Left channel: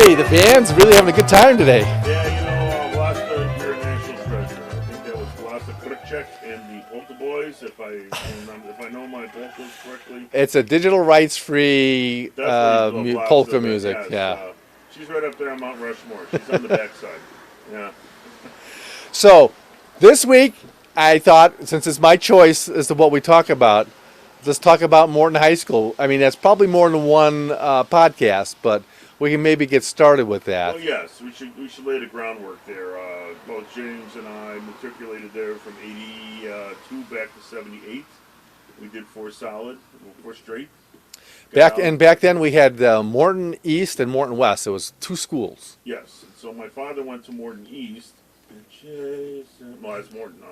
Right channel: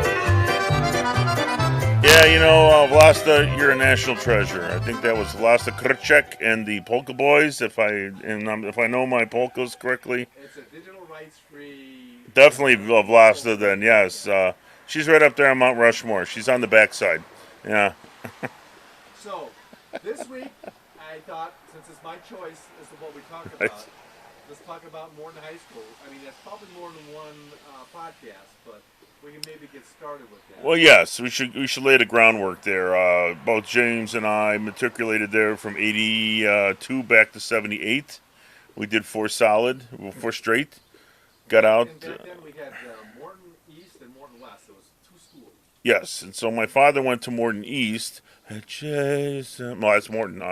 Hey, the band's really having a good time today. Yeah, Vlasta, you're a national treasure. I think that was Vlasta Krček and the Polka Boys, if I know my polkas correctly. It's a digital rights-free Definitely Vlasta polka then, music. yes. Yeah. She's right up there on Mount Rushmore. She's on the backside. Yeah. So, this week, I thought, since it's my choice as to what we talk about, let's talk about Morton High School. I mean, that's probably more than one podcast, but we can maybe get started with that. Well, yes, we should lay the groundwork there. Both James and I matriculated there from 82 back to 78. We did four straight. Back then we had Morton East and Morton West. It was two schools. Yes, and so my father went to Morton East. Well, that's Morton.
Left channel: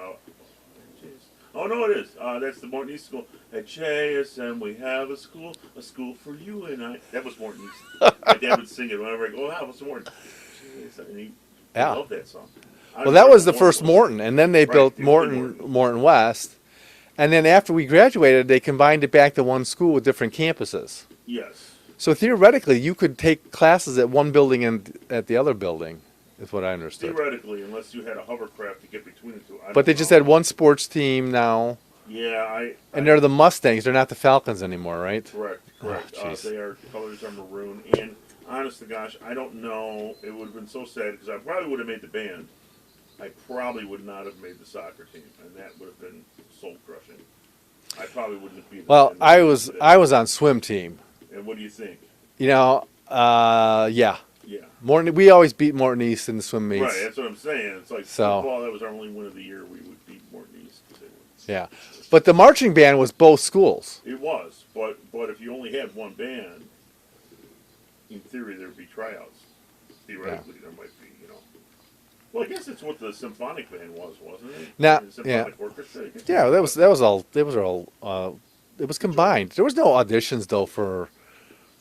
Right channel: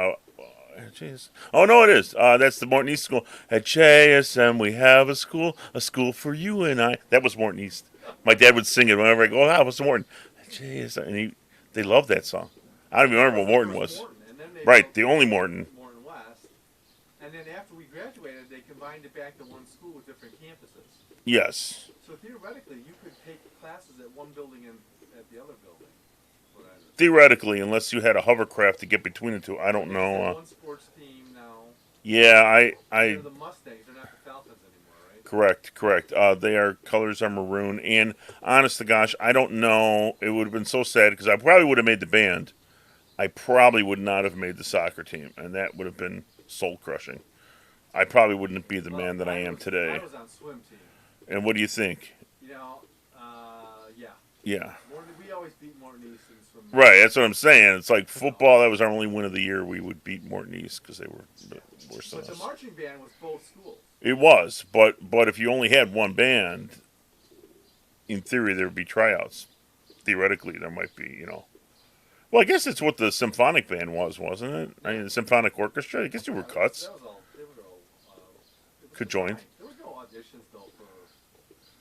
Oh, no, it is. That's the Morton East School. At JSM, we have a school for you and I. That was Morton East. My dad would sing it whenever I go, what's the Morton? JSM. And they loved that song. Well, that was the first Morton, and then they built the Morton West. And then after we graduated, they combined it back to one school with different campuses. Yes. So theoretically, you could take classes at one building and at the other building. Is what I understand. Theoretically, unless you had a hovercraft to get between the two. I don't know. But they just had one sports team now. Yeah, and they're the Mustangs. They're not the Falcons anymore, right? Correct. Their colors are maroon. And honest to gosh, I don't know. It would have been so sad because I probably would have made the band. I probably would not have made the soccer team, and that would have been soul crushing. I probably wouldn't be the man that I am today. I was on swim team. And what do you think? Yeah. Yeah. Morton. We always beat Morton East in the swim meets. Right, that's what I'm saying. It's like football. That was our only win of the year. We would beat Morton East because they were. Yeah, but the marching band was both schools. It was, but if you only had one band, in theory there would be tryouts. Theoretically, there might be. Well, I guess it's what the symphonic band was, wasn't it? The symphonic orchestra. I guess that was all. It was combined. There was no auditions though for.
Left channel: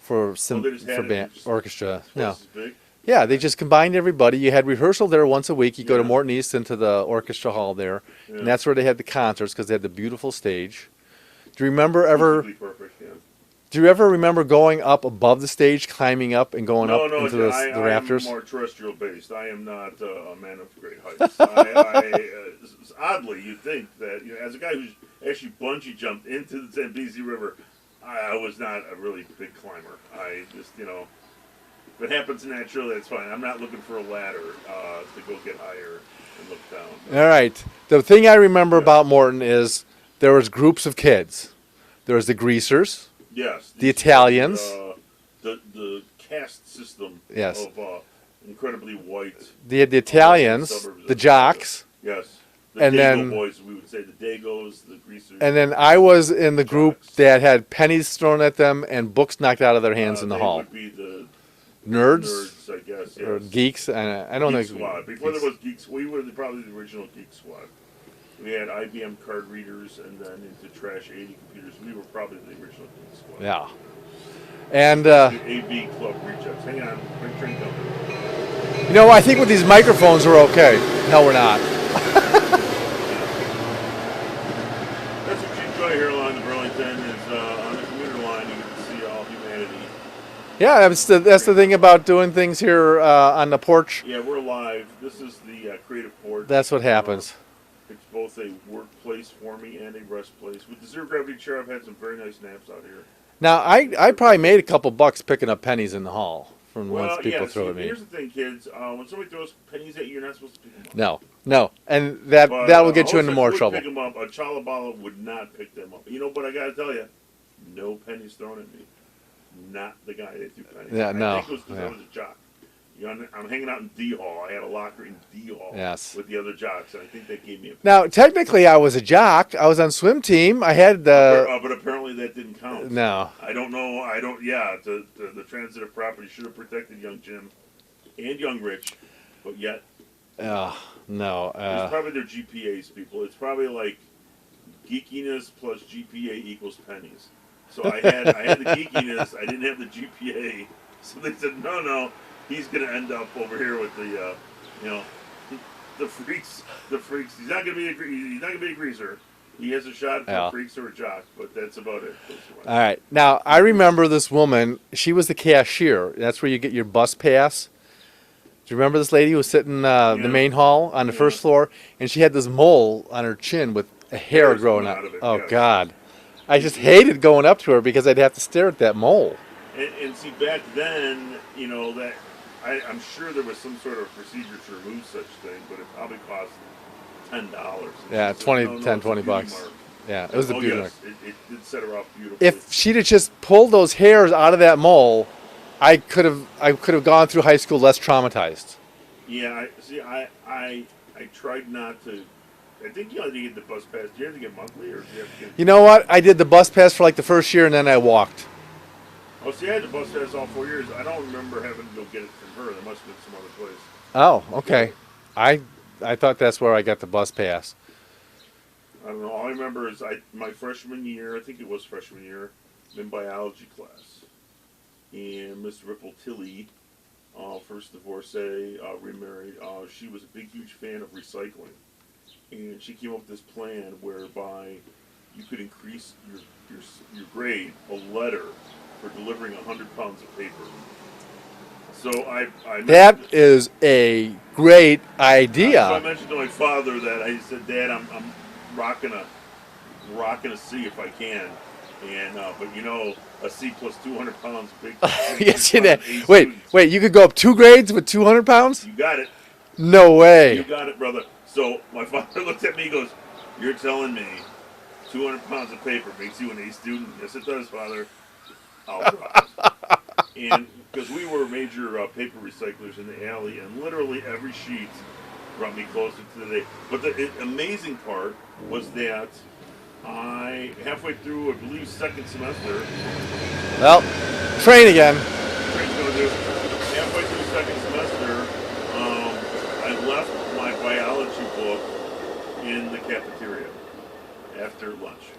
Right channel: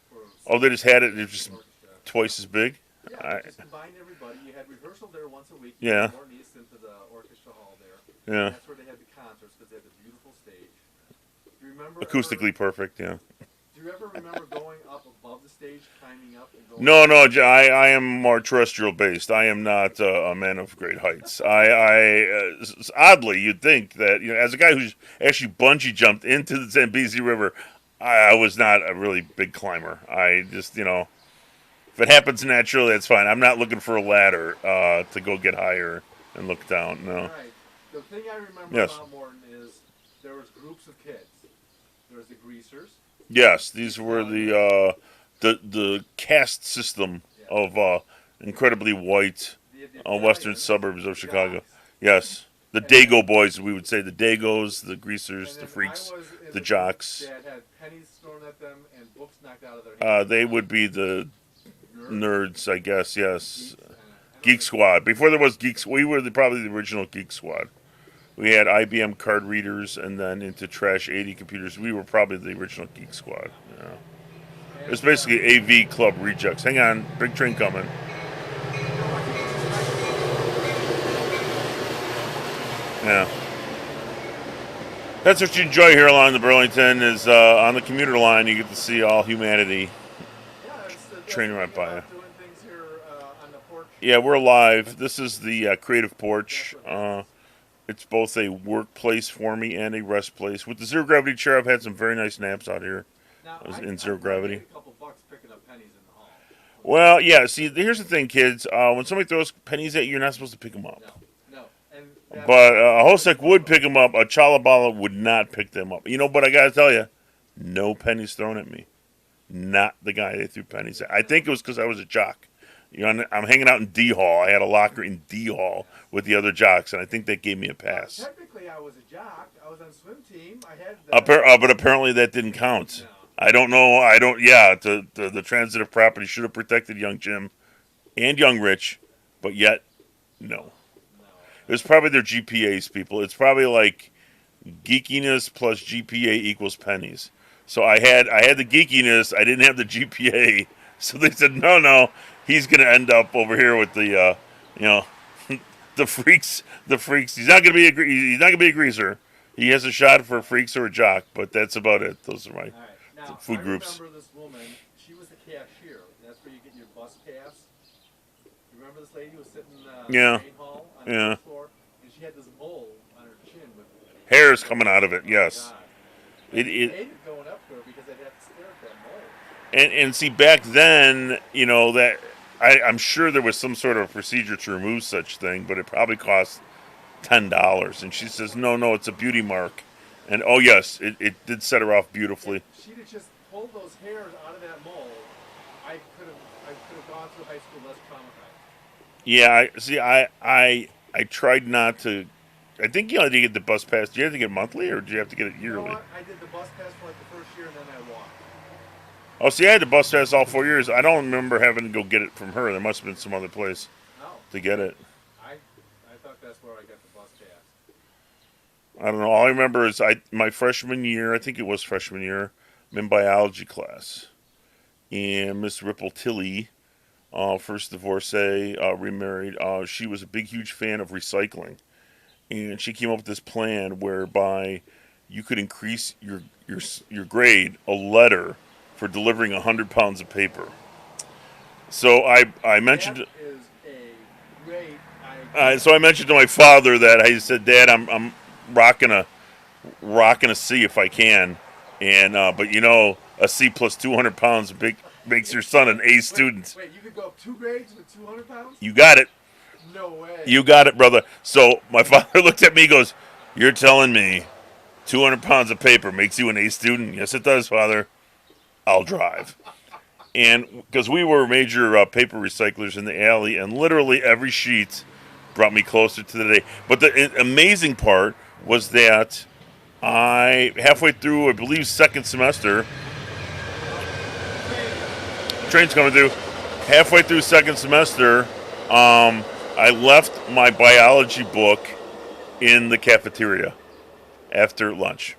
They just had it orchestra twice as big. Yeah, they just combined everybody. You had rehearsal there once a week. You go to Morton East into the orchestra hall there, and that's where they had the concerts because they had the beautiful stage. Do you remember acoustically perfect? Yeah. Do you ever remember going up above the stage, climbing up, and going? No, I am more terrestrial based. I am not a man of great heights. Oddly, you'd think that as a guy who's actually bungee jumped into the Zambezi River. I was not a really big climber. I just, if it happens naturally, that's fine. I'm not looking for a ladder to go get higher and look down. No. All right. The thing I remember about Morton is there was groups of kids. There was the greasers. Yes. The Italians. The caste system of incredibly white. The Italians. Suburbs of the Chicago. Jocks. Yes. The Dago boys, we would say the Dagos, the greasers. And then I was in the group that had pennies thrown at them and books knocked out of their hands in the hall. They would be the nerds, I guess, yes. Geeks, I don't know. Geek Squad. Before there was Geeks, we were probably the original Geek Squad. We had IBM card readers and then into Trash 80 computers. We were probably the original Geek Squad. Yeah. And basically AV Club rejects. Hang on, big train coming. I think with these microphones we're okay. No, we're not. Yeah. That's what you enjoy here along the Burlington is on the commuter line you get to see all humanity. Yeah, that's the thing about doing things here on the porch. Yeah, we're live. This is the Creative Porch. That's what happens. It's both a workplace for me and a rest place. With the zero gravity chair, I've had some very nice naps out here. Now, I probably made a couple bucks picking up pennies in the hall. Well, yeah. See, here's the thing, kids. When somebody throws pennies at you, you're not supposed to pick them up. No, and that will get you into more trouble. Would pick them up. A Chalabala would not pick them up. But I got to tell you, no pennies thrown at me. Not the guy they threw pennies at. I think it was because I was a jock. I'm hanging out in D Hall. I had a locker in D Hall with the other jocks, and I think that gave me a pass. Now, technically, I was a jock. I was on swim team. I had but apparently that didn't count. No. I don't know. The transitive property should have protected young Jim and young Rich, but yet. No. It was probably their GPAs, people. It's probably like geekiness plus GPA equals pennies. So I had the geekiness. I didn't have the GPA. So they said, no, he's going to end up over here with the, the freaks. He's not going to be a greaser. He has a shot for Yeah. freaks or a jock, but that's about it. Those are my. All right. Now, I remember this woman. She was the cashier. That's where you get your bus pass. Do you remember this lady who was sitting in the Yeah. main hall on the Yeah. first floor? And she had this mole on her chin with a hair Hairs growing coming out of it, Oh, yes. God. I just It- hated going up to her because I'd have to stare at that mole. And see, back then, that I'm sure there was some sort of procedure to remove such thing, but it probably cost $10. And Yeah, she says, 20, no, 10, it's a 20 beauty bucks. mark. Yeah. it And was a beauty yes, mark. it did set her off beautifully. If she'd have just pulled those hairs out of that mole, I could have gone through high school less traumatized. Yeah, I tried not to. I think you had to get the bus pass. Do you have to get monthly, or do you have to get it? You know what? I did the bus pass for like the first year, and then I walked. Oh, see, I had the bus pass all 4 years. I don't remember having to go get it from her. There must have been some other place. Oh, To get okay. it. I thought that's where I got the bus pass. I don't know. All I remember is my freshman year. I think it was freshman year. I'm in biology class, and Miss Ripple Tilley, first divorcee, remarried. She was a big, huge fan of recycling, and she came up with this plan whereby you could increase your grade a letter for delivering 100 pounds of paper. So I mentioned That is a great idea. so I mentioned to my father that I said, Dad, I'm rocking a C if I can, and but a C plus 200 pounds makes your Yes, son you an did. A student. Wait, you could go up 2 grades with 200 pounds? You got it. No way. You got it, brother. So my father looked at me and goes, "You're telling me 200 pounds of paper makes you an A student?" Yes, it does, Father. I'll drive. And because we were major paper recyclers in the alley, and literally every sheet brought me closer to the day. But the amazing part was that halfway through, I believe, second semester, Well, train again. train's coming through, halfway through second semester, I left my biology book in the cafeteria after lunch.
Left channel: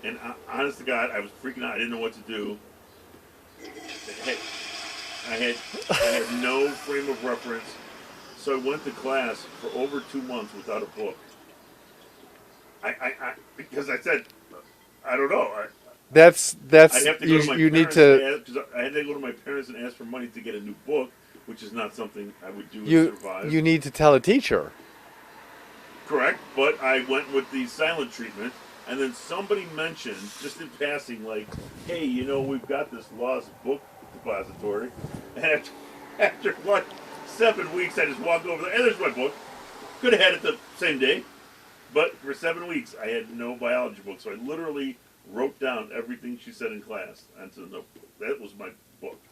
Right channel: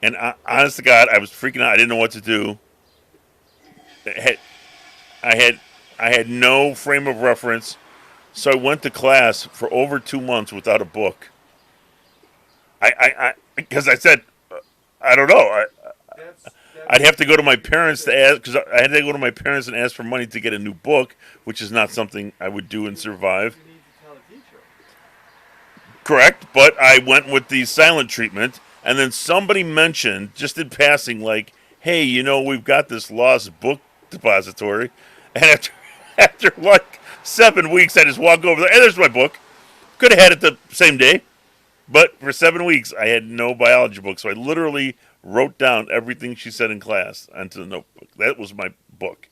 And honest to God, I was freaking out. I didn't know what to do. I had no frame of reference, so I went to class for over 2 months without a book. Because I said, I don't know. That's. I'd have to go to my you need parents to ask, because I had to go to my parents and ask for money to get a new book, which is not something I would do and survive. You need to tell a teacher. Correct, but I went with the silent treatment, and then somebody mentioned, just in passing, like, hey, we've got this lost book depository, and after 7 weeks, I just walk over there, and there's my book. Could have had it the same day, but for 7 weeks, I had no biology book, so I literally wrote down everything she said in class onto the notebook. That was my book.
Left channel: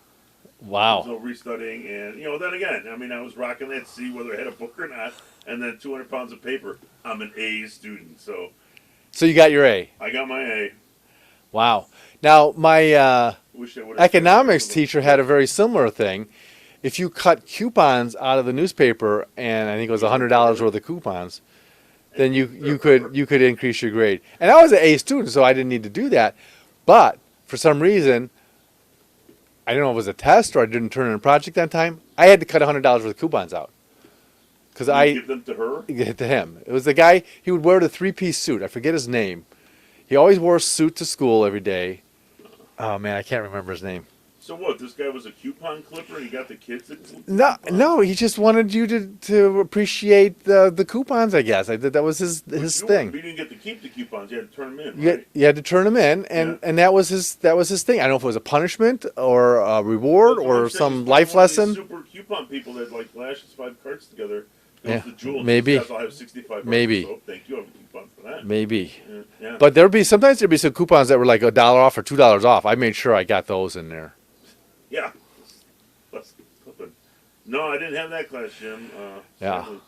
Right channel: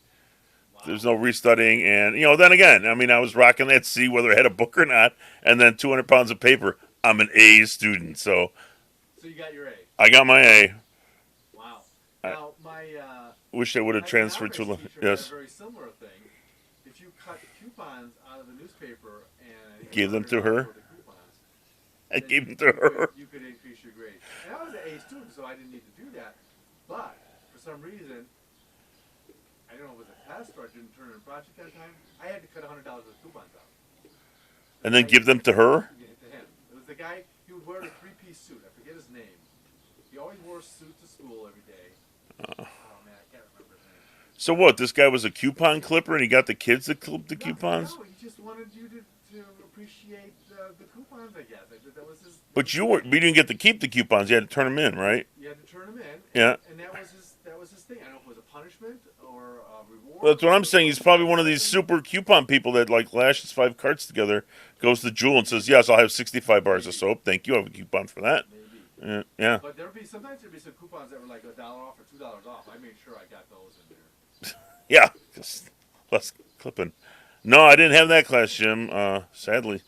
Wow. There's no restudying, and then again, I was rocking that C whether I had a book or not, and then 200 pounds of paper. I'm an A student, so So you got your A. I got my A. Wow. Now my Wish I would have economics teacher had a very similar thing. If you cut coupons out of the newspaper, and I think it was Give them to $100 her. worth of coupons, I then gave you it to her. could increase your grade. And I was an A student, so I didn't need to do that. But for some reason, I don't know if it was a test or I didn't turn in a project on time. I had to cut $100 worth of coupons out. And then give them to her? To him. It was the guy, he would wear the 3-piece suit. I forget his name. He always wore a suit to school every day. Oh, man, I can't remember his name. So what? This guy was a coupon clipper, and he got the kids to clip the coupons? No, he just wanted you to appreciate the coupons, I guess. That was his But his you thing. didn't get to keep the coupons. You had to turn them in, right? You had to turn them in, and that was his thing. I don't know if it was a punishment or a reward That's what or I'm saying. He's some probably life one of lesson. these super coupon people that lashes 5 carts together, goes Yeah, to Jewel and maybe. says, "Guys, I'll have 65 bars Maybe. of soap. Thank you. I have a coupon for that." Maybe. Yeah. But sometimes there'd be some coupons that were like $1 off or $2 off. I made sure I got those in there. Yeah. Less clipping. No, I didn't have that class, Jim. Sadly.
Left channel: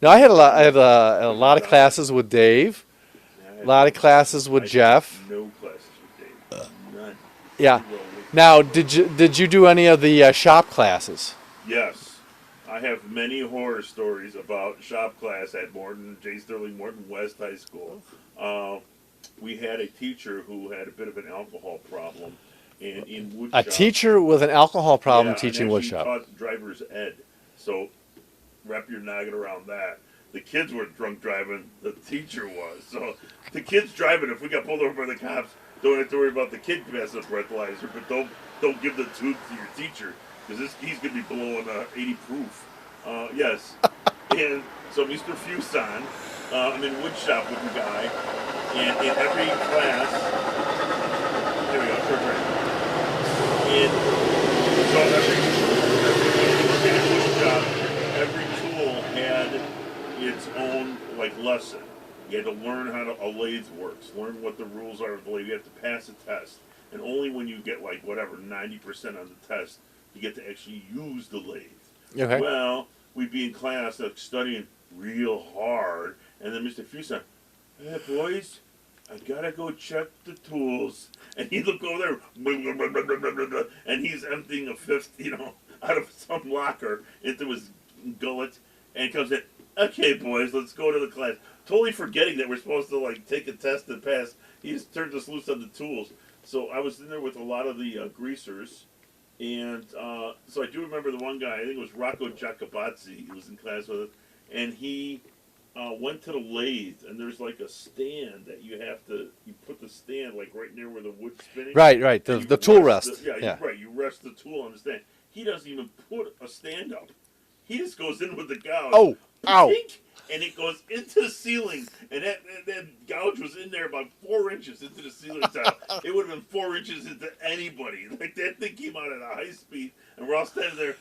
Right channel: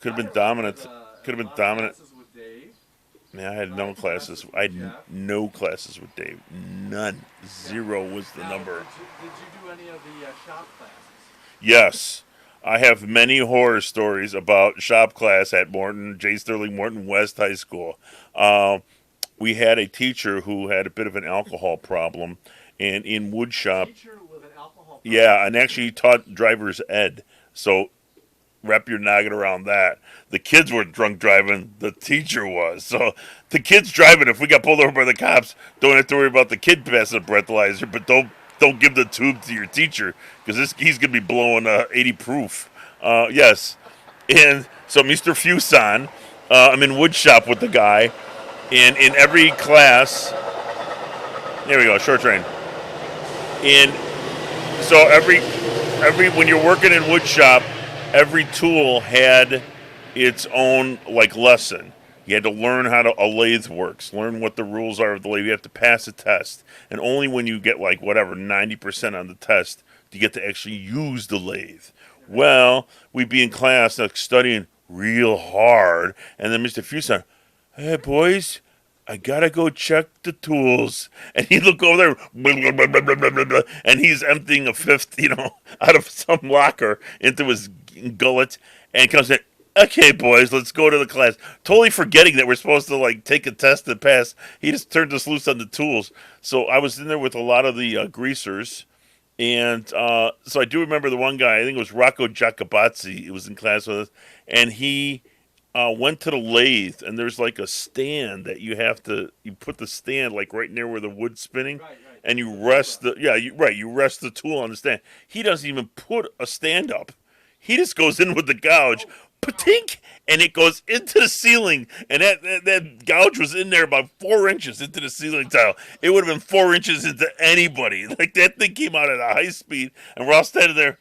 No, I had a Could've lot. been I had a Could've lot been of dominant. classes with Dave. Yeah, I had A lot no of classes with I had Jeff. No classes with Dave. None. Yeah. Zero was the Now, number. did you do any of the shop classes? Yes. I have many horror stories about shop class at J. Sterling Morton West High School. We had a teacher who had a bit of an alcohol problem, and in woodshop. A teacher with an alcohol problem Yeah, teaching and actually woodshop. taught driver's ed. So wrap your noggin around that. the kids weren't drunk driving, the teacher was. So the kid's driving. If we got pulled over by the cops, don't have to worry about the kid passing a breathalyzer, but don't give the tube to your teacher because he's gonna be blowing 80 proof. Yes, and so Mr. Fuson, I'm in wood shop with the guy, and in every class, here we go, short train. And so every when you're working in wood shop, every tool had its own like lesson. You had to learn how a lathe works, learn what the rules are of the lathe. You have to pass a test, and only when you get like whatever 90% on the test do you get to actually use the lathe. Okay. Well, we'd be in class like, studying real hard, and then Mr. Fuson, hey boys, I gotta go check the tools. And he'd look over there, blah, blah, blah, blah, blah, blah, blah, and he's emptying a fifth, out of some locker into his gullet, and comes in, okay, boys, let's go to the class. Totally forgetting that we're supposed to, like, take a test and pass. He just turned us loose on the tools. So I was in there with a lot of the greasers, and so I do remember the one guy, I think it was Rocco Giacobazzi, he was in class with us, and he went to the lathe, and there's like a stand that you put the stand like right near where the wood's spinning. Right. And the tool rest. You rest the tool on the stand. He doesn't even put a stand up. He just goes in with the gouge. Oh, Patink, and it goes into the ceiling, and that gouge was in there about 4 inches into the ceiling tile. It would have been 4 inches into anybody. Like, that thing came out at a high speed, and we're all standing there.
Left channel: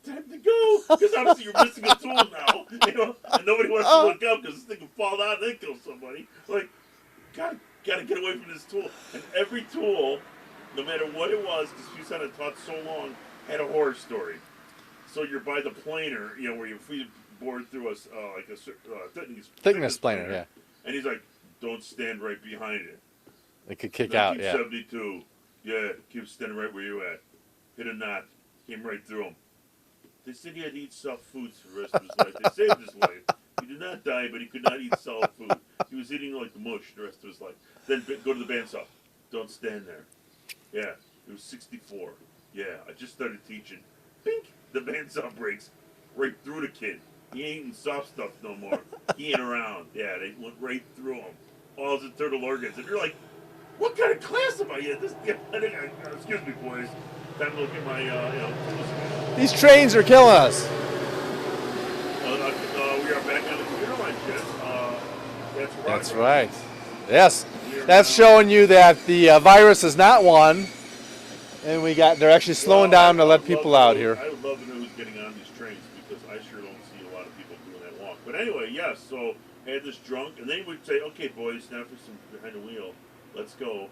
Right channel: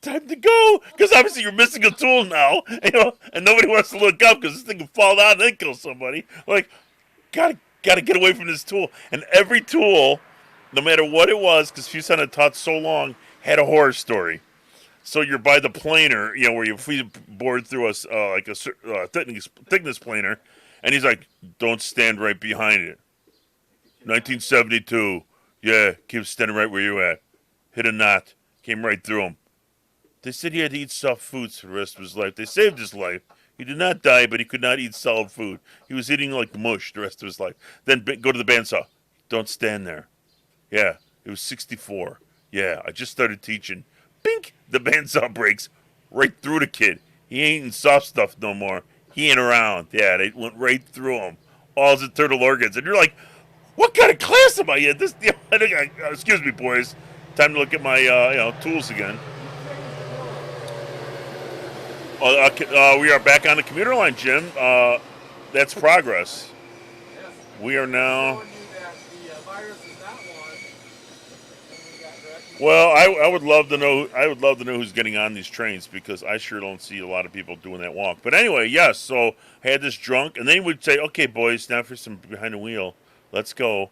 Time to go, because obviously you're missing a tool now, and nobody wants to look up because this thing can fall down and then kill somebody. Like, gotta get away from this tool. And every tool, no matter what it was, because Fuson had taught so long, had a horror story. So you're by the planer, where you board through a thickness planer, yeah. And he's like, "Don't stand right behind it." It could kick 1972, yeah, keep standing right where you're at. Hit a knot, came right through him. They said he had to eat soft foods for the rest of his life. They saved his life. He did not die, but he could not eat solid food. He was eating like mush the rest of his life. Then go to the bandsaw. Don't stand there. Yeah, it was 64. Yeah, I just started teaching. Bink! The bandsaw breaks right through the kid. He ain't eating soft stuff no more. He ain't around. Yeah, they went right through him. All his internal organs. And you're like, what kind of class am I in? Excuse me, boys. Time to look at my tools again. These trains are killing us. We are back on the commuter line, Jim. That's progress. That's right. Yes. That's now showing you that the virus is not won, and they're actually slowing down to let people out here. I would love to know who's getting on these trains because I sure don't see a lot of people doing that walk. But anyway, yes. So had this drunk, and they would say, "Okay, boys, now for some behind the wheel. Let's go."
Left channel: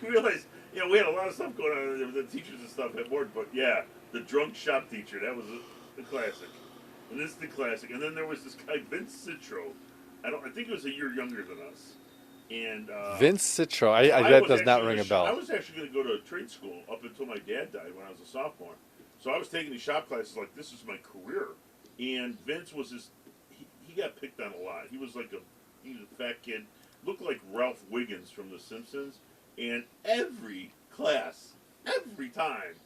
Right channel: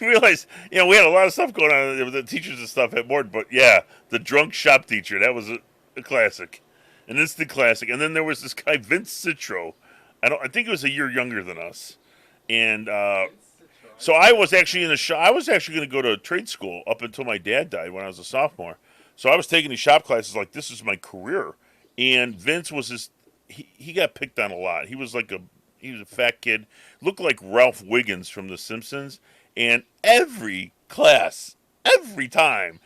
You realize, we had a lot of stuff going on. The teachers and stuff had more, but yeah, the drunk shop teacher, that was a classic, an instant classic. And then there was this guy, Vince Citro. I think he was a year younger than us. And Vince Citro. I was actually I was actually going to go to trade school up until my dad died when I was a sophomore. So I was taking these shop classes like this is my career. And Vince was he got picked on a lot. He was a fat kid, looked like Ralph Wiggins from The Simpsons. And every class, every time,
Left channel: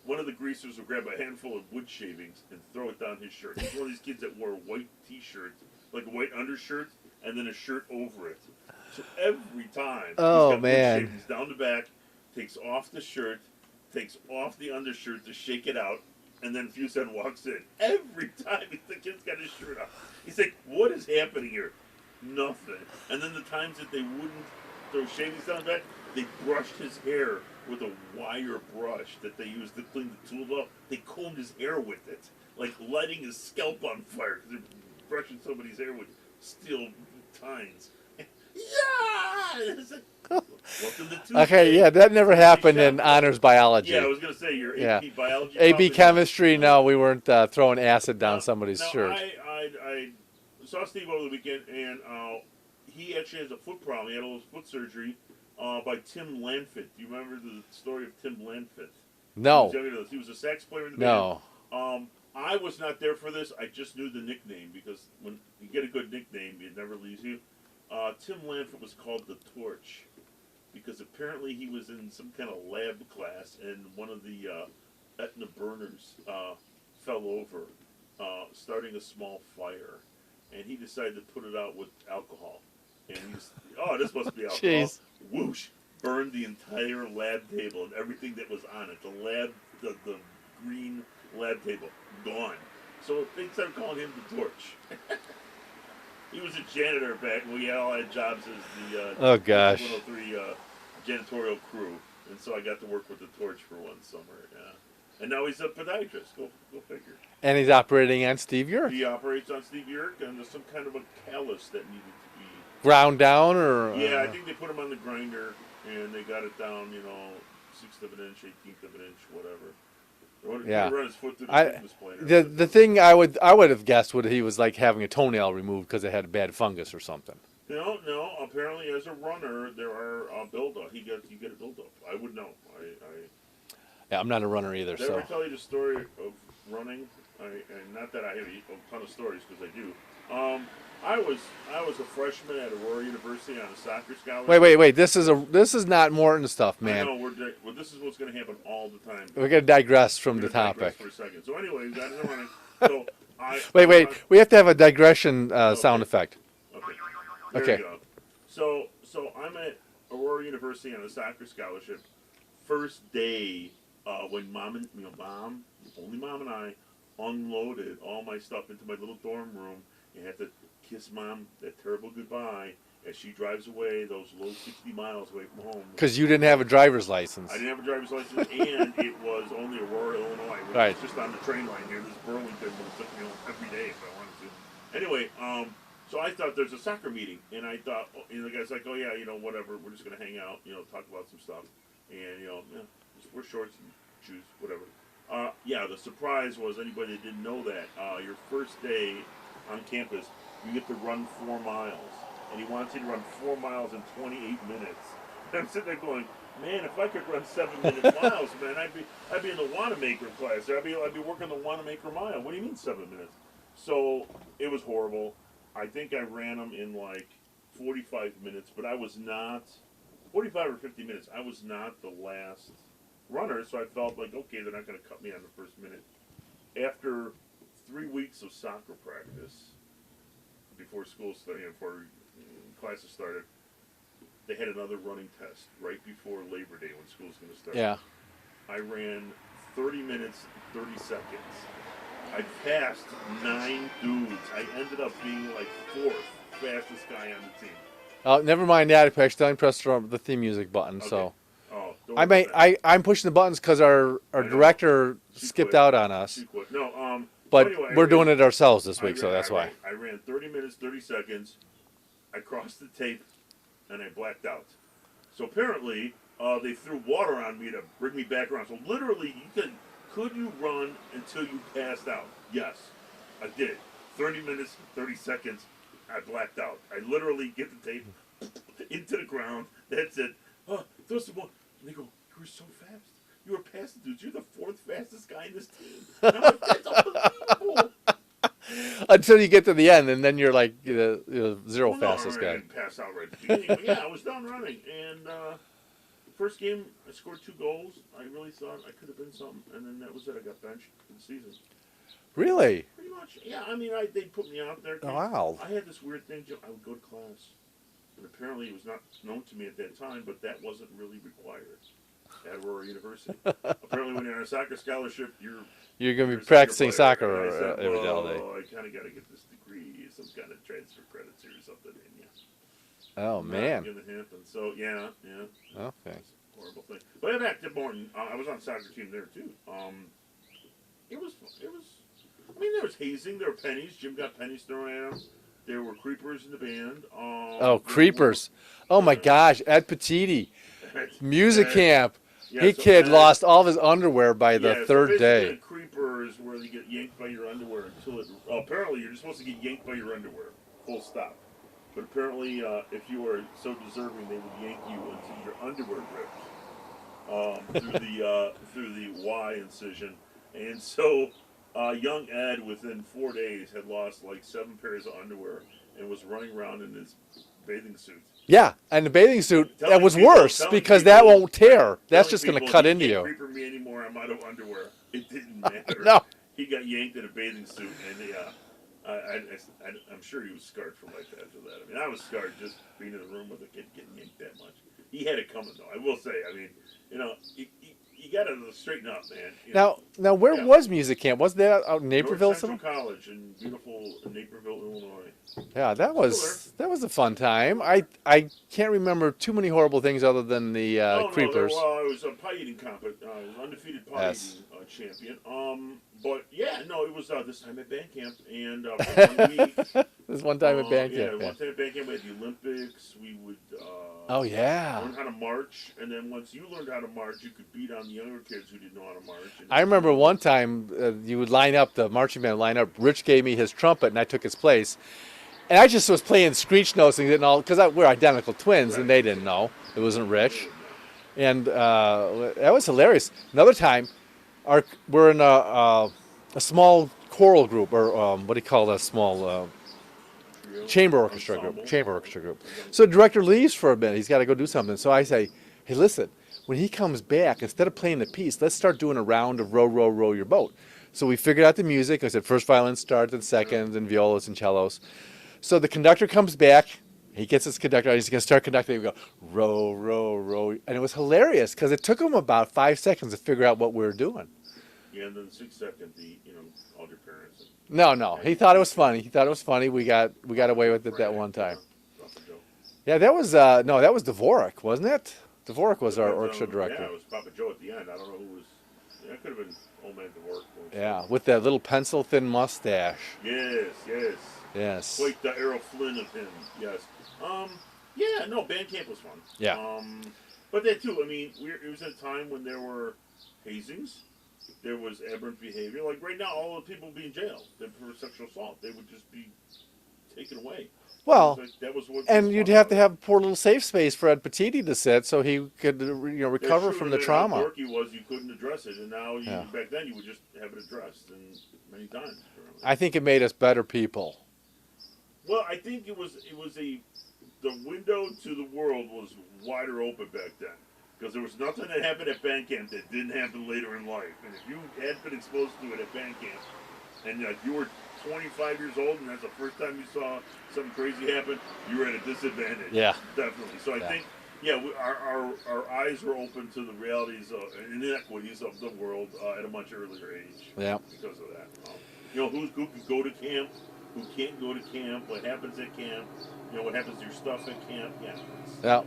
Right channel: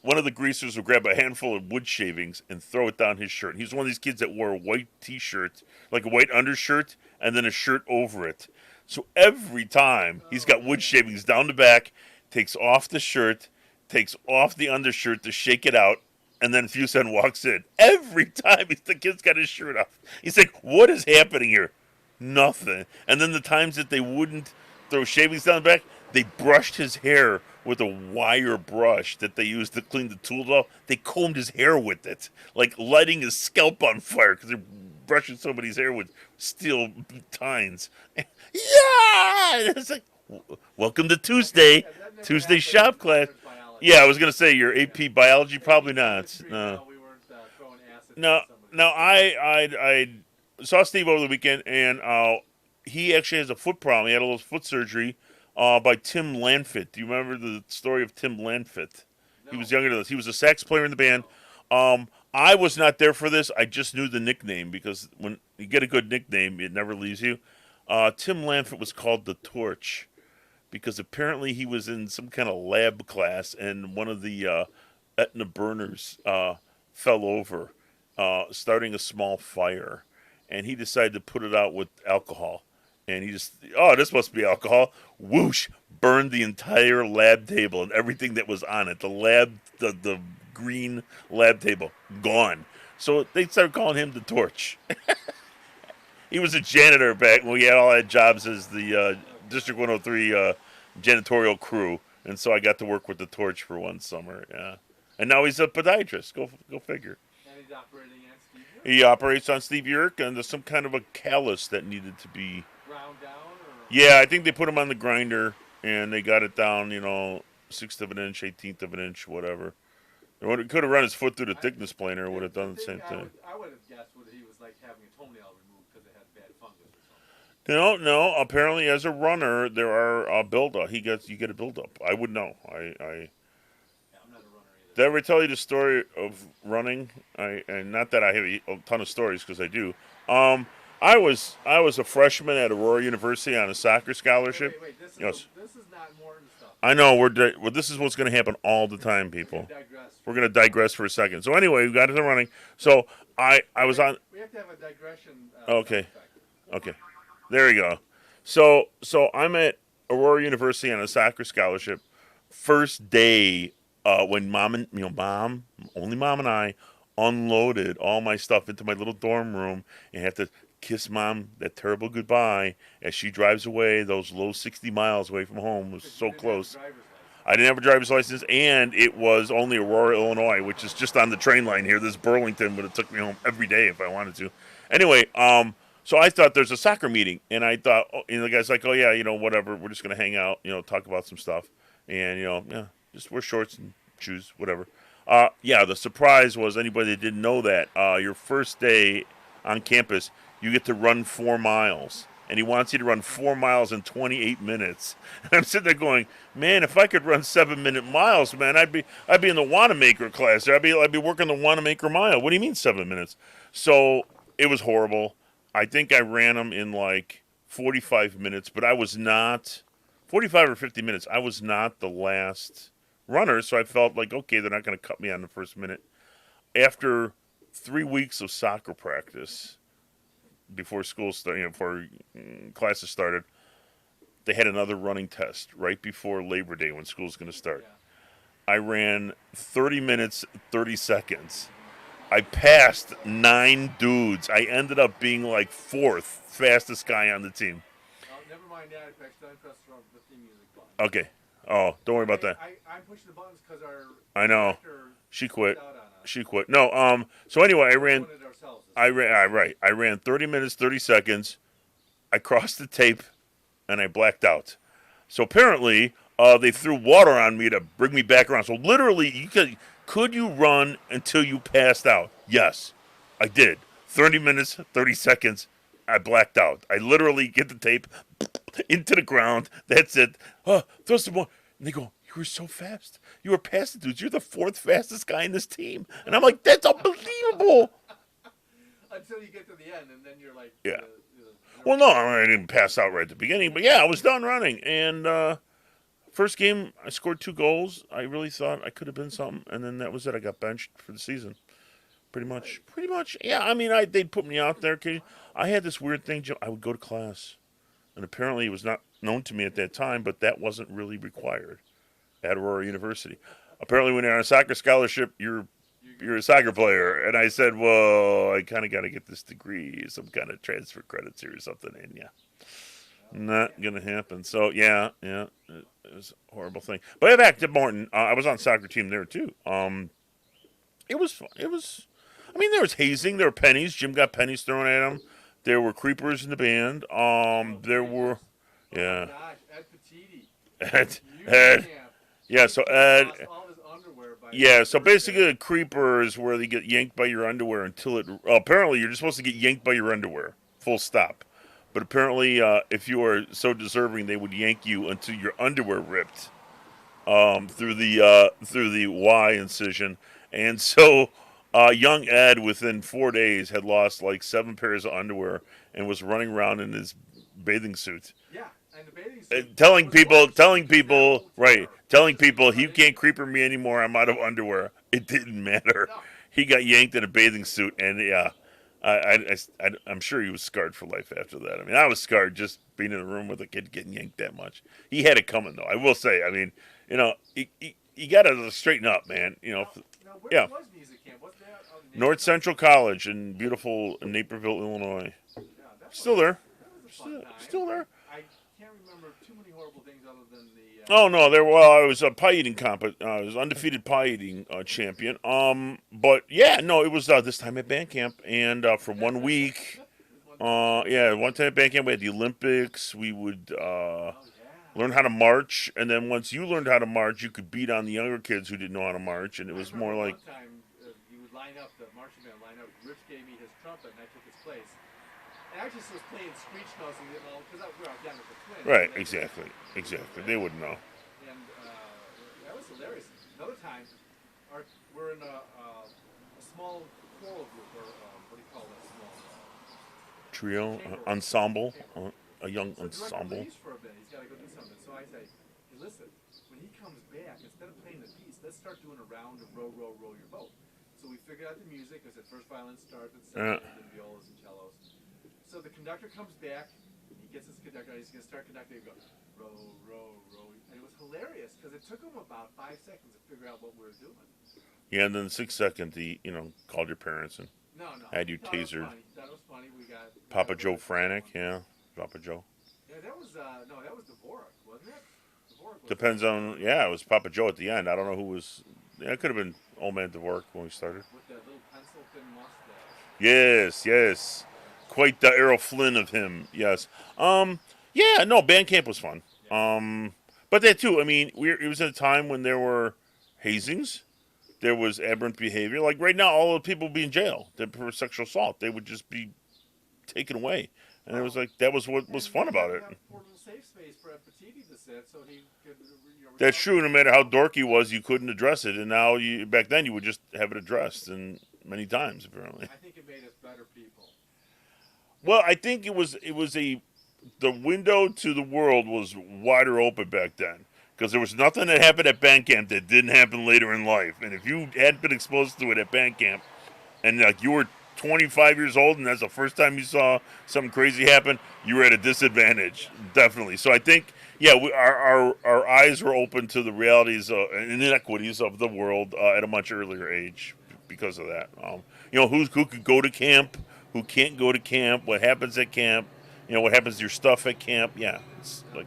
one of the greasers would grab a handful of wood shavings and throw it down his shirt. And he's one of these kids that wore a white T-shirt, like a white undershirt, and then a shirt over it. So every time he's got wood shavings down the back, takes off the shirt, takes off the undershirt to shake it out, and then Fuson walks in. Every time the kid's got his shirt off. He's like, what is happening here? Nothing. And then the times that they wouldn't throw shavings down the back, they brushed his hair with a wire brush that they used to clean the tools off. They combed his hair with it, like lighting his scalp on fire because they're brushing somebody's hair with steel tines. Yeah! It's like, welcome to Tuesday. Okay, yeah, that never Tuesday happened in honors biology. Yeah, I was going to say your AP biology probably AP chemistry, no, we weren't throwing acid down somebody's shirt. I saw Steve over the weekend, and he actually has a foot problem. He had a little foot surgery by Tim Lanfit. Do you remember the story of Tim Lanfit? No. He was younger than us. He was a sax player in the band. No. I was not there for this. I just knew the nickname because when you get a good nickname, it never leaves you. Tim Lanfit was called the Torch because apparently he was in some kind of lab class and one of the Etna burners fell over starting a small fire, and he decided to put it out with alcohol. And he just, oh, this must be alcohol. Jeez. Whoosh! Burned the entire lab table and everything that was on it. The green lab table, gone. So they started calling him the Torch. He was a janitor back when we had all had jobs as the District 103 janitorial crew, and so I got to work with the Torch for one summer. Yeah, and now he's a podiatrist. Go figure. And he's operating on Steve Yerk. He operates on Steve Yerk, and there's some kind of a callus that needed to be ground down, or yeah, I think they put him on the grinder and they got it down. 1/6 of an inch, 1/18 of an inch, whatever. Could have run his foot through the thickness planer. The thing I would have guessed would he was like having a toenail removed because it had a bad fungus or something. No. Apparently, as a runner, there are buildup. You get a buildup. I would know. Yeah, I'm not a runner either. Did I ever tell you the story of running? And not that I have a ton of stories because I do. I was a freshman at Aurora University on a soccer scholarship. Wait. This is not Morton stuff, man. I know. This is what's going to happen all the time, people. We're going to digress from. We're going to digress for a second. So anyway, we got into running. So wait. We have to have a digression sound effect. Okay. There you go. So I'm at Aurora University on a soccer scholarship. First day when mom and I unloaded all my stuff into my little dorm room and had to kiss mom that terrible goodbye as she drives away those low 60 miles away from home. Because you didn't have a driver's license. I didn't have a driver's license, and it was only Aurora, Illinois, which is just on the train line here. This Burlington would have took me home every day if I wanted to. Anyway, so I thought there's a soccer meeting, and I thought, the guy's like, oh yeah, whatever, we're just gonna hang out, talk about some stuff, and just wear shorts and shoes, whatever. The surprise was anybody that didn't know that your first day on campus, you get to run 4 miles, and he wants you to run 4 miles in 28 minutes. And I'm sitting there going, man, if I could run 7-minute miles, man, I'd be in the Wanamaker class. I'd be working the Wanamaker mile. What do you mean 7 minutes? So it was horrible. I think I ran them in like 45 minutes, but I was not 45 or 50 minutes. I was not the last runner, so I felt like, okay, they're not going to cut me on the first minute. After 3 weeks of soccer practice, before school started, before classes started, they had another running test right before Labor Day when school's going to start. Yeah. I ran 30 minutes, 30 seconds. I passed 9 dudes. I ended up being like 4th fastest guy on the team. Never mind that. I accidentally pressed the theme music button. Okay. So. Oh, don't worry about that. I'm pushing the buttons because our director skipped out on us. She quit. No, but anyway, we're doing it ourselves this week. I ran 30 minutes, 30 seconds. I crossed the tape, and I blacked out. So apparently, they threw water on me to bring me back around. So literally, could you run until you passed out? Yes, I did. 30 minutes, 30 seconds. I blacked out. I literally get the tape into the ground. That's it. Throw some more. And they go, you were so fast. You were past the dudes. You're the 4th fastest guy in this team. And I'm like, that's unbelievable. Until you get to the end, and then you're like zero. Well, no, I didn't pass out right at the beginning. But yeah, I was done running. And first game, I scored 2 goals. I really thought I could have been something. And then that was it. I got benched for the season. Really? Pretty much. Yeah, I mean, they'd put me out there. Wow. I had this weird thing, Joe. I would go to class. And apparently it was not known to me at that time, but that wasn't really required at Aurora University. Apparently when you're on a soccer scholarship, you're a soccer player. Soccer, and I said, well, I kind of got to get this degree, some kind of transfer credits here or something. And not going to happen. So, yeah. It was a horrible thing. But back to Morton. I was on soccer team there, too. It was fun. There was hazing. There were pennies. Jim got pennies thrown at him. There were creepers in the band. Creepers. My gosh. Ed Petiti. Music camp. Yeah, kid lost all of his underwear by the third day. Yeah, so basically a creeper is where they get yanked by your underwear until it... apparently, you're just supposed to get yanked by your underwear. Full stop. But apparently, if you are so deserving, they would yank you until your underwear ripped through the Y incision. And so... young Ed, within 4 days, had lost like 7 pairs of underwear and was running around in his bathing suit. Yeah, and the bathing suit was worse because that won't tear. Right, That's just going to cut into you. You can't creeper me anymore. I'm out of underwear. It didn't matter. No. he got yanked in a bathing suit, and I'm sure he was scarred for life after that. I mean, I was scarred just being in a room with a kid getting yanked that much. He had it coming, though. I will say. I mean, you got to straighten up, man. Now, where was music camp? Was that out in Naperville? North Central College in beautiful Naperville, Illinois. Yeah, that Still there. was a fun time. Still I can't remember too many horrible things other than the. Oh no, creepers. I was a pie eating I was undefeated pie eating champion. But yeah, no, it was this time at band camp, and for 1 week. This one time at band camp. One time at band camp we had the Olympics. We would learn how to march, and then once you learned how to march, you could beat on the younger kids who didn't know how to march. And I remember one time you would line up, the marching band line up. Rich gave me his trumpet, and I took his place. And I just was playing screech notes and didn't all, because we're identical twins, and they didn't know. It wasn't Rich. They wouldn't know. And that was hilarious. Another time, we're in a small choral group, or what do you call that small trio? Chamber orchestra ensemble. Group. Chamber orchestra group. So the director leaves for a minute. He's got to go do something. So I say, hey, listen, when he comes back, instead of playing the piece, let's start doing a round of row, row, row your boat. So we figured out the music. I said first violin starts, and seconds, and violas and cellos. So the conductor comes back. He gets his conductor. He's going to start conducting. We go, row, row, row. And it was hilarious because it took him about 5 seconds to figure out what we were doing. Yeah, and then the 6th second, called your parents. And No. He thought it was funny. He thought it was funny. We got away with it that one time. Papa Joe. Yeah, that was, that was Dvorak, wasn't it? Dvorak was our orchestra director. Yeah, it was Papa Joe at the end. I don't know who was. Yeah, it could have been Old Man Dvorak when we started. Yeah, with that little pencil-thin mustache. Yes. Quite the Errol Flynn of him. Yes. Band camp was fun. Yeah. But that too. I mean, it was at a time when there were hazings, there was aberrant behavior. Like right now, all the people would be in jail for sexual assault. They would just be taken away. Well, that was what. And was you'd fun have about to it. have a poor little safe space for Ed Petiti to sit, so he could, recover That's true. No from the matter how trauma. dorky he was, you couldn't address it. And now, back then, you would just have it addressed, and many times apparently. I think it made us better people. Well, I think the window to the world was wider open back then, because there was nothing that happened at band camp that didn't happen later in life. And if you had been exposed to it at band camp, and you were 25 years old, and that's the first time you saw something crazy happen, you were at a disadvantage. Yeah, definitely. So I think, our eyes were open to the realities and inequities of the world at a much earlier age. Yeah, because of that. Who could go to camp, who can't go to camp, what happens at camp, what happens to your stuff at camp. Yeah.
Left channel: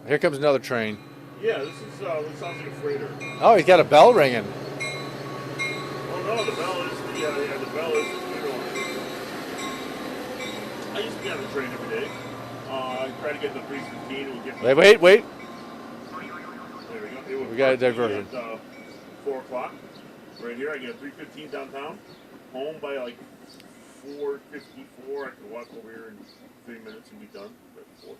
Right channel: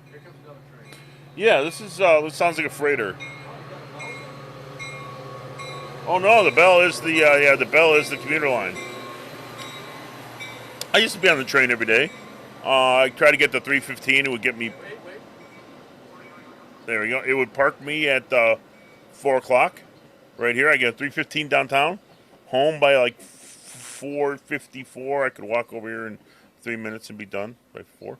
Here comes another train. Yeah, this sounds like a freighter. Oh, he's got a bell ringing. Oh no, the bell is the commuter line. I used to be on the train every day. I tried to get the 315. It would get me. Wait. There we go. It would park me at 4 o'clock. Right here, I get 315 downtown. Home by like 4:54. I could walk over here in 3 minutes and be done by 4.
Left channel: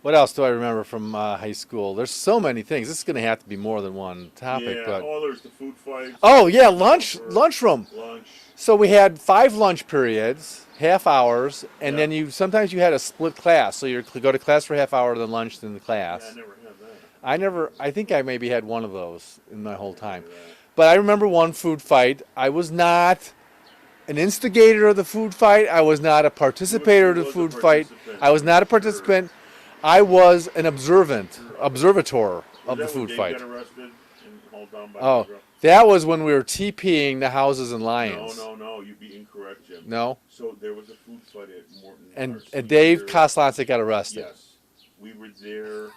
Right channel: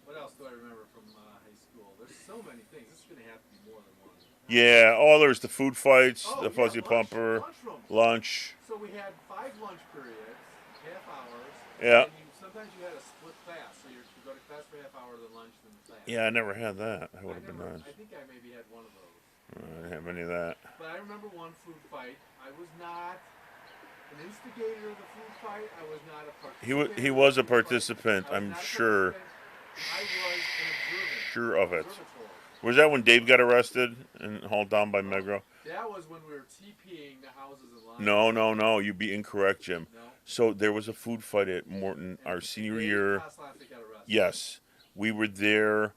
What else do I remember from high school? There's so many things. This is going to have to be more than one topic. Yeah. But... there's the food fights. Oh, yeah, lunchroom. Lunch. So we had 5 lunch periods, half hours, and then sometimes you had a split class. So you go to class for half hour, then lunch, then the class. Yeah, I never had that. I think I maybe had one of those in my whole time. But I remember one food fight. I was not an instigator of the food fight. I was not a participator of the food fight. I was not a participant. I was an observator. Was that when Dave got arrested and hauled down by Negro? That was when we were TPing the houses and Lions. No. You'd be incorrect, Jim. No. So there was a food fight at Morton. And Dave Koslance got arrested. Yes. We were there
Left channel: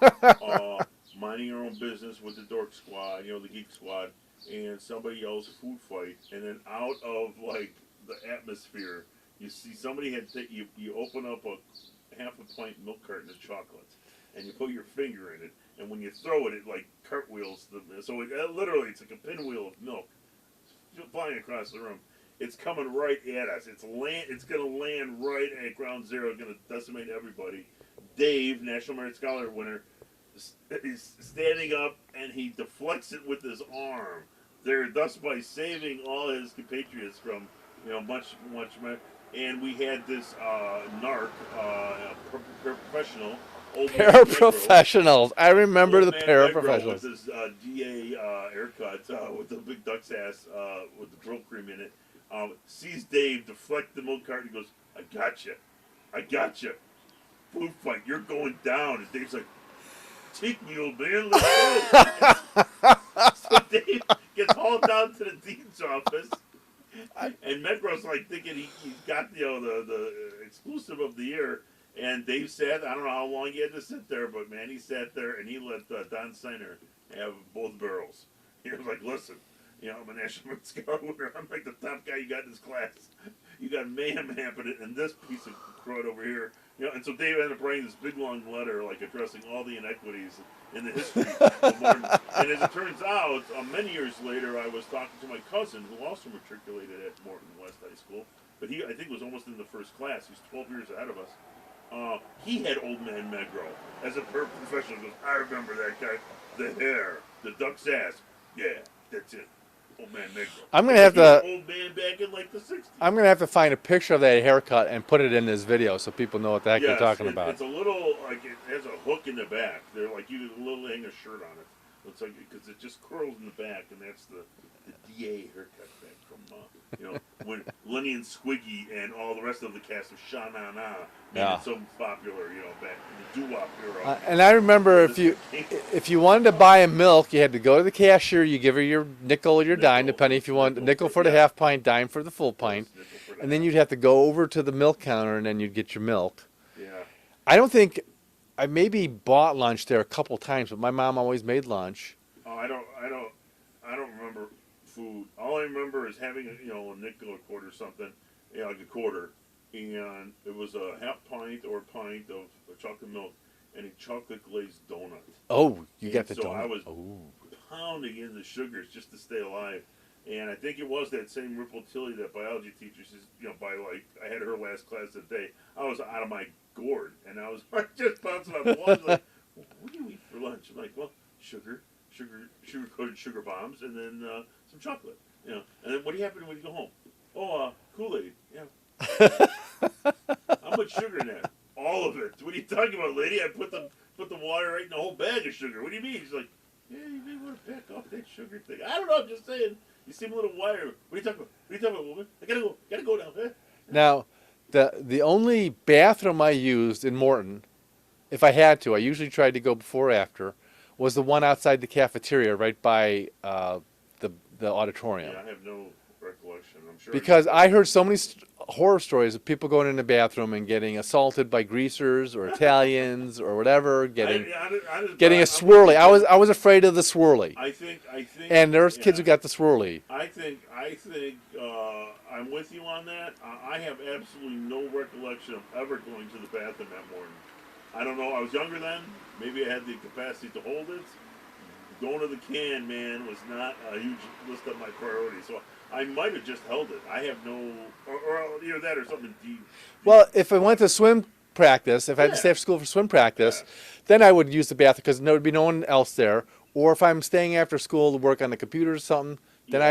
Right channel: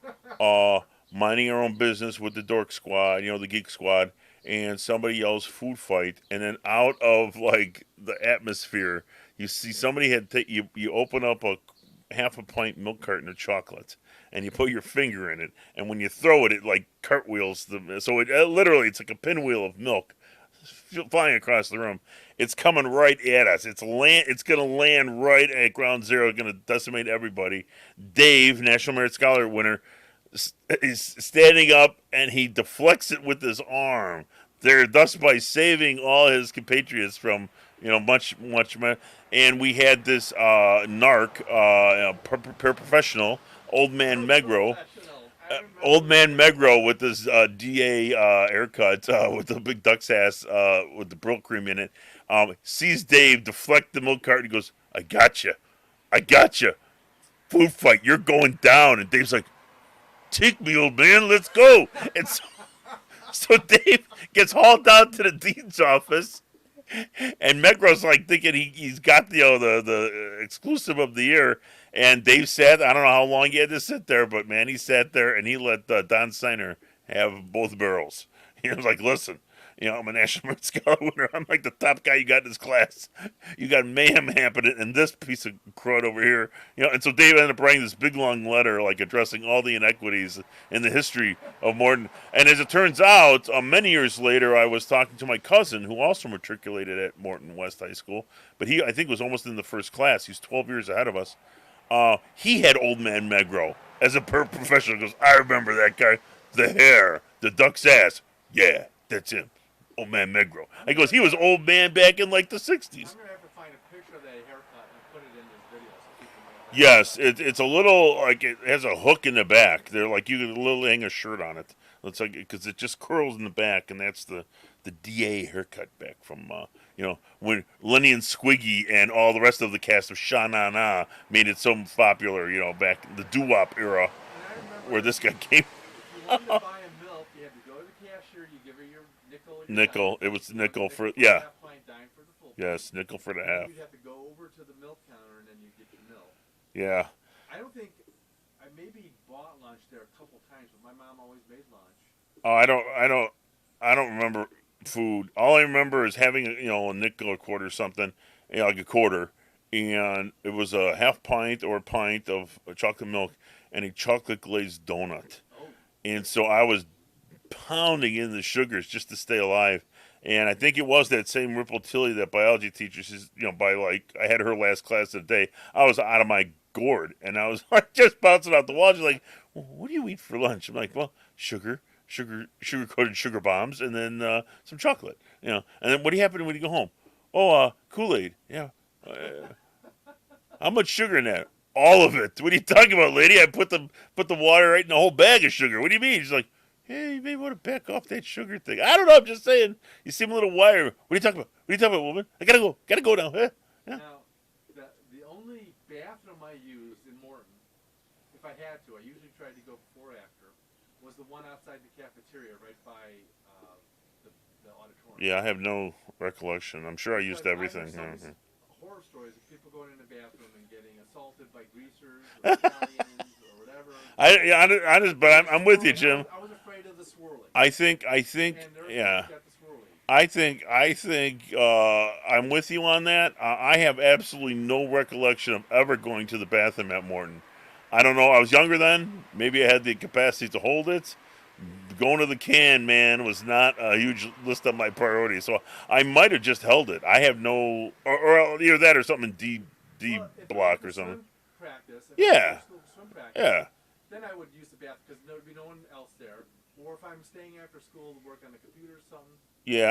minding our own business with the dork squad, the geek squad, and somebody yells food fight, and then out of the atmosphere, you see somebody you open up a half a pint milk carton of chocolate, and you put your finger in it, and when you throw it, it cartwheels so it literally it's like a pinwheel of milk flying across the room. It's coming right at us. It's gonna land right at ground zero, gonna decimate everybody. Dave, National Merit Scholar winner, is standing up, and he deflects it with his arm, thus by saving all his compatriots from much. And we had this narc, paraprofessional, Old Man Megro. Paraprofessionals. I remember Old the Man Megro paraprofessionals. with his DA haircut, with the big duck's ass, with the Brill cream in it. Sees Dave deflect the milk carton. He goes, "I got you. I got you. Food fight. You're going down." And Dave's like, "Take me, old man. Let's go." So Dave gets hauled down to the dean's office, and Megro's like thinking he's got the exclusive of the year. And Dave sat. I don't know how long he had to sit there, but man, he sat there and he let Don Steiner have both barrels. He was like, "Listen, I'm a National Merit Scholar winner. I'm like the top guy you got in this class. You got mayhem happening in this piece of crud over here." And so Dave ended up writing this big long letter, like addressing all the inequities in the history of Morton. And as it turns out, many years later, I was talking to my cousin, who also matriculated at Morton West High School, but he, I think, was almost in the first class. He's 12 years ahead of us. He had Old Man Megro as a professional. He goes, "I remember that guy. The hair, the duck's ass. Yeah, that's him. Old Man Megro." He was an old man back in like the 60s. I'm going to have to find a picture of that haircut and put it in this video so people know what the heck I'm talking about. It's a little, like, it has a hook in the back. They're like, you can literally hang a shirt on it. It's like, because it just curls in the back, and that's the DA haircut back from, when Lenny and Squiggy and all the rest of the cast of Sha Na Na made it so popular, back in the doo-wop era. And I remember if you wanted to buy a milk, you had to go to the cashier, you give her your nickel or your dime, depending if you want nickel for the half pint, dime for the full pint. Yes, nickel for the half. And then you'd have to go over to the milk counter, and then you'd get your milk. Yeah. I don't think, I maybe bought lunch there a couple times, but my mom always made lunch. Oh, I don't remember food. All I remember is having a nickel or quarter or something, like a quarter, and it was a half pint or a pint of chocolate milk and a chocolate glazed donut. Oh, and so I was pounding in the sugars just to stay alive. And I think it was that same Ripple Tilly, that biology teacher, says, by like, I had her last class of the day. I was out of my gourd, and I was just bouncing off the wall. She's like, "Well, what do you eat for lunch?" I'm like, "Well, sugar-coated sugar bombs, and then some chocolate, And then what do you happen when you go home? Oh, Kool-Aid, yeah. How much sugar in that? All of it. What are you talking about, lady? I put the water right in the whole bag of sugar. What do you mean?" She's like, "Hey, you may want to back off that sugar thing." I don't know. I'm just saying. You seem a little wired. What are you talking about? What are you talking about, woman? I gotta go now. Huh? Now, the only bathroom I used in Morton, if I had to, I usually tried to go before or after, was the one outside the cafeteria, right by the auditorium. Yeah, I have no recollection. I'm sure because I heard so many horror stories of people going in the bathroom and getting assaulted by greasers or Italians or whatever. Getting a swirly. I was afraid of the swirly. I think. And there's kids who got the swirly. I think. I'm with you on that. I have absolutely no recollection of ever going to the bathroom at Morton. I don't know. I was younger then. Maybe I had the capacity to hold it. Going to the can, man, was not a huge list of my priorities. So I might have just held it. I have no, or either that or something in Well, if I went to swim practice, if I had to stay after school for swim practice, then I would use the bathroom because there would be no one else there. Or if I'm staying after school to work on the computer or something, then I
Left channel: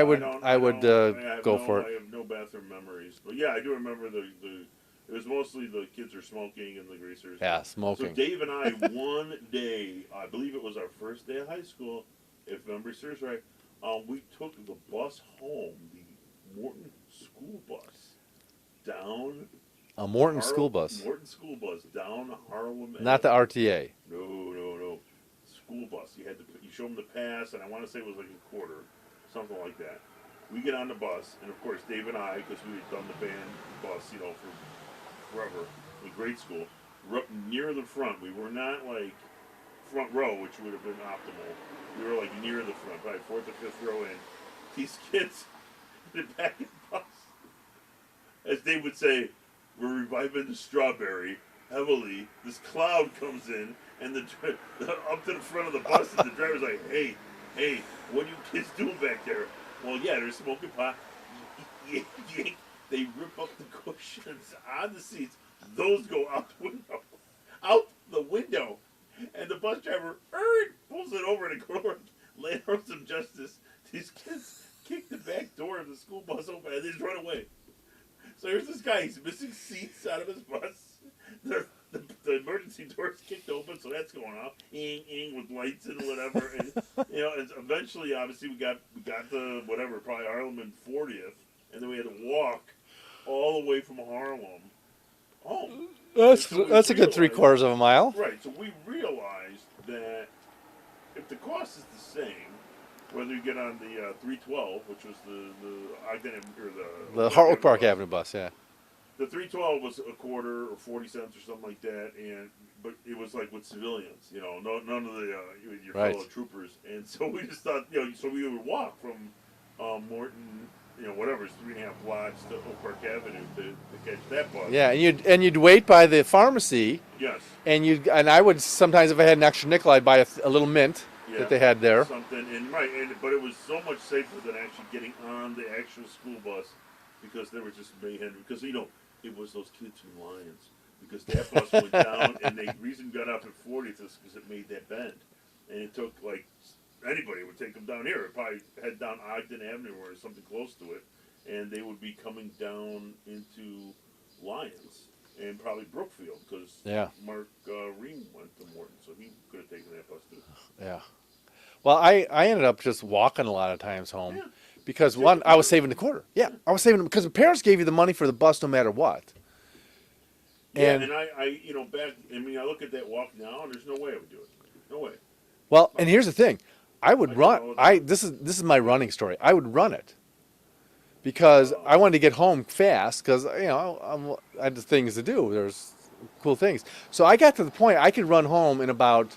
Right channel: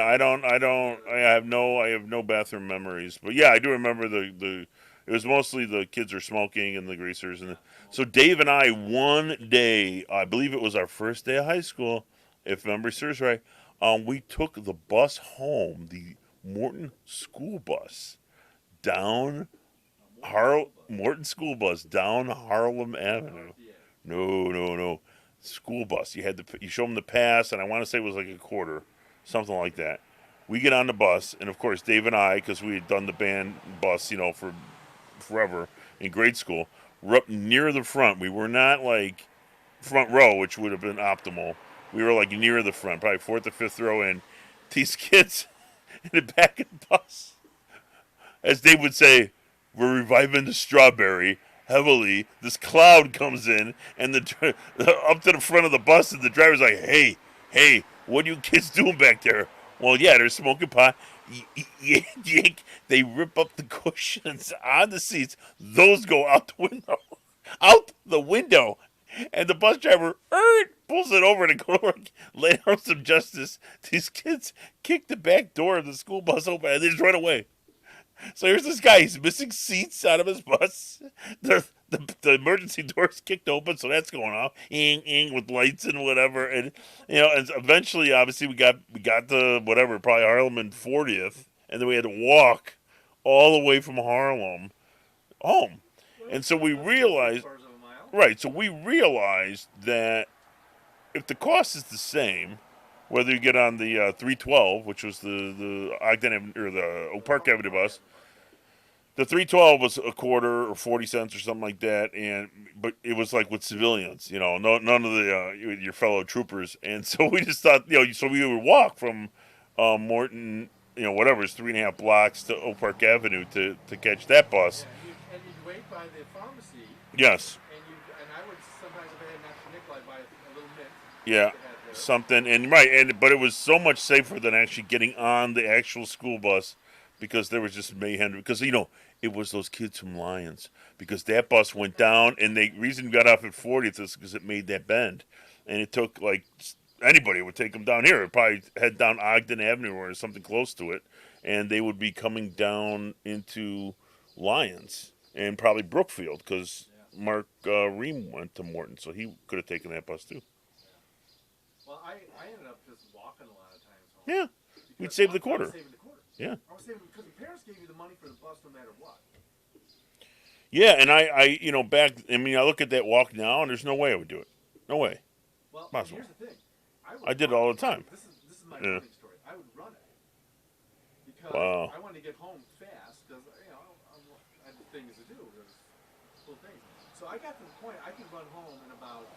have no bathroom memories. But yeah, I do remember it was mostly the kids are smoking and the greasers. Yeah, smoking. So Dave and I, one day, I believe it was our first day of high school, if memory serves right, we took the bus home, the Morton school bus, down. A Morton school bus. Morton school bus down Harlem Avenue. Not the RTA. No. School bus. You show them the pass, and I want to say it was like a quarter, something like that. We get on the bus, and of course Dave and I, because we had done the band bus, for forever in grade school, we're up near the front. We were not like front row, which would have been optimal. We were like near the front, probably fourth or fifth row in. These kids in the back of the bus, as they would say, we're reviving the strawberry heavily. This cloud comes in, and up to the front of the bus, and the driver's like, hey, what are you kids doing back there? Well, yeah, they're smoking pot. They rip up the cushions on the seats. Those go out the window. Out the window. And the bus driver pulls it over to go to work, lay down some justice. These kids kick the back door of the school bus open, and they just run away. So here's this guy. He's missing seats out of his bus. The the emergency doors kicked open, so that's going off, with lights and whatever, and and eventually, obviously, we got the whatever, probably Harlem and 40th, and then we had to walk all the way from Harlem home. That's a good three-quarters of a mile. Right, so we realized that if the cost is the same, whether you get on the 312, which was the Ogden Avenue, or the Park Avenue bus, yeah. The 312 was a quarter or 40 cents or something like that, but it was like with civilians, none of the your fellow troopers, and so we just thought, so we would walk from Morton, whatever, it's 3.5 blocks to Oak Park Avenue to catch that bus. Yeah, and you'd wait by the pharmacy. Yes. And I would sometimes, if I had an extra nickel, I'd buy a little mint. Yeah, that they had there. Something, but it was so much safer than actually getting on the actual school bus, because there was just mayhem. Because it was those kids from Lyons, because that bus went down, and the reason we got off at 40th is because it made that bend, and it took anybody would take them down here. It'd probably head down Ogden Avenue or something close to it, and they would be coming down into Lyons and probably Brookfield, because Mark Ream went to Morton, so he could have taken that bus too. Yeah. Well, I ended up just walking a lot of times home. Yeah. Because one, I was saving the quarter. Yeah. I was saving, because the parents gave you the money for the bus no matter what. Yeah, and I I look at that walk now, and there's no way I would do it. No way. Well, and here's the thing. I would run. All the time. This is my running story. I would run it. Because I wanted to get home fast, because I had things to do. There's cool things. So I got to the point I could run home in about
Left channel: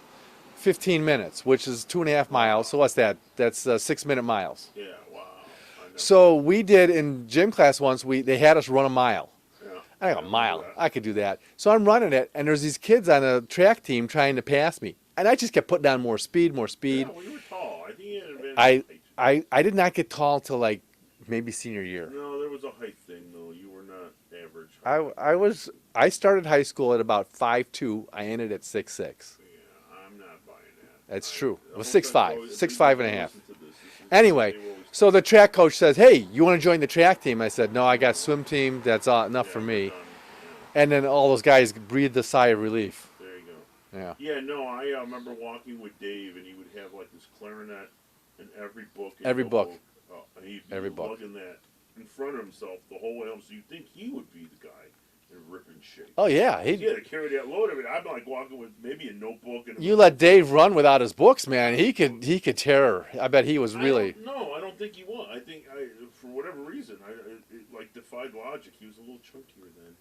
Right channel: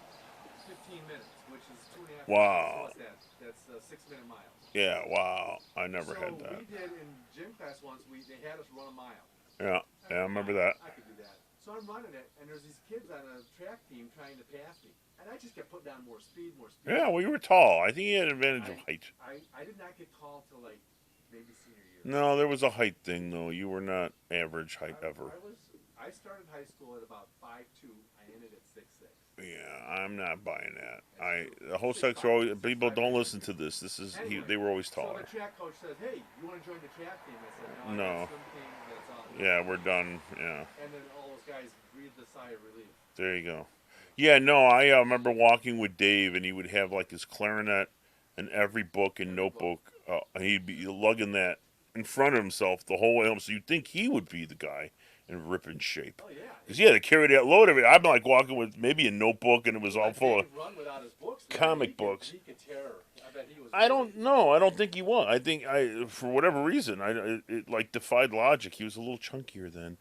15 minutes, which is 2.5 miles. So what's that? That's 6-minute miles. Yeah, wow. I never. So we did in gym class once. They had us run a mile. Yeah. I got a mile. That. I could do that. So I'm running it, and there's these kids on a track team trying to pass me, and I just kept putting down more speed. Yeah, well, you were tall. I think you had advantage in height. I did not get tall till maybe senior year. No, there was a height thing though. You were not average height. I started high school at about 5'2". I ended at 6'6". Yeah, I'm not buying that. That's true. It was 6'5", 6'5" and a half. Listen to this. This is anyway. They were always tall. So the track coach says, "Hey, you want to join the track team?" I said, "No, I got swim team. That's enough for me." We're done. Yeah. And then all those guys breathed a sigh of relief. There you go. Yeah. Yeah. No, I remember walking with Dave, and he would have his clarinet and every book and notebook. He'd be lugging that in front of himself the whole way home. So you'd think he would be the guy in ripping shape. Oh yeah, he had to carry that load of it. I'm walking with maybe a notebook, and it was you let Dave run without his books, man. He could tear. I bet he was really. I don't think he was. I think for whatever reason, it defied logic. He was a little chunkier then.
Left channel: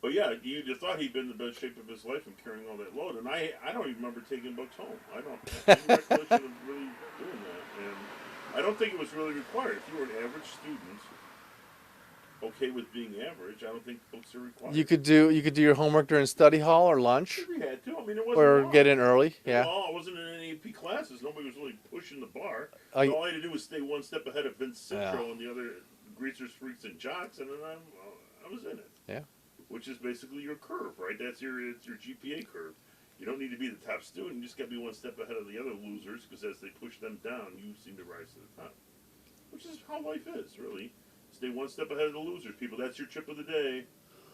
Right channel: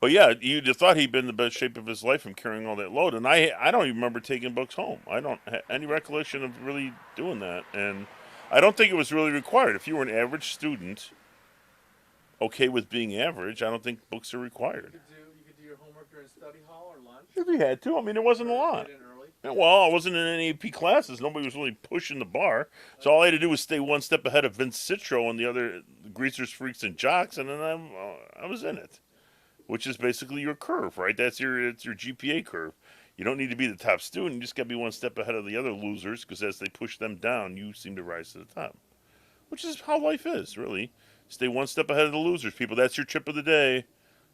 But yeah, you'd have thought he'd been in the best shape of his life from carrying all that load. And I don't even remember taking books home. I don't have any recollection of really doing that, and I don't think it was really required. If you were an average student, okay with being average, I don't think books are required. You could do your homework during study hall or lunch. If you had to. I mean, it wasn't long. Or get in early. Yeah. Well, I wasn't in any AP classes. Nobody was really pushing the bar. So all I had to do was stay one step ahead of Vince Citro and the other Greasers, Freaks, and Jocks, and then I was in it. Yeah. Which is basically your curve, right? It's your GPA curve. You don't need to be the top student. You just got to be one step ahead of the other losers, because as they push them down, you seem to rise to the top. Which is how life is, really. Stay one step ahead of the losers, people. That's your tip of the day.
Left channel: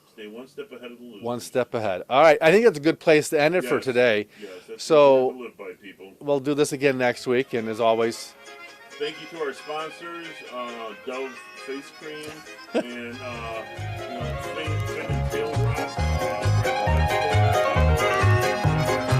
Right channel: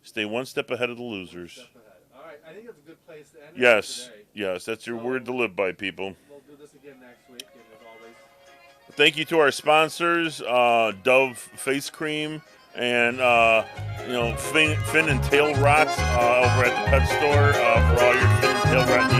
Stay one step ahead of the losers. One step ahead. All right. I think that's a good place to end it for today. Yes, that's your word to live by, people. We'll do this again next week, and as always, thank you to our sponsors, Dove Face Cream and fin and tail rots over at the pet store for all your fin and tail rot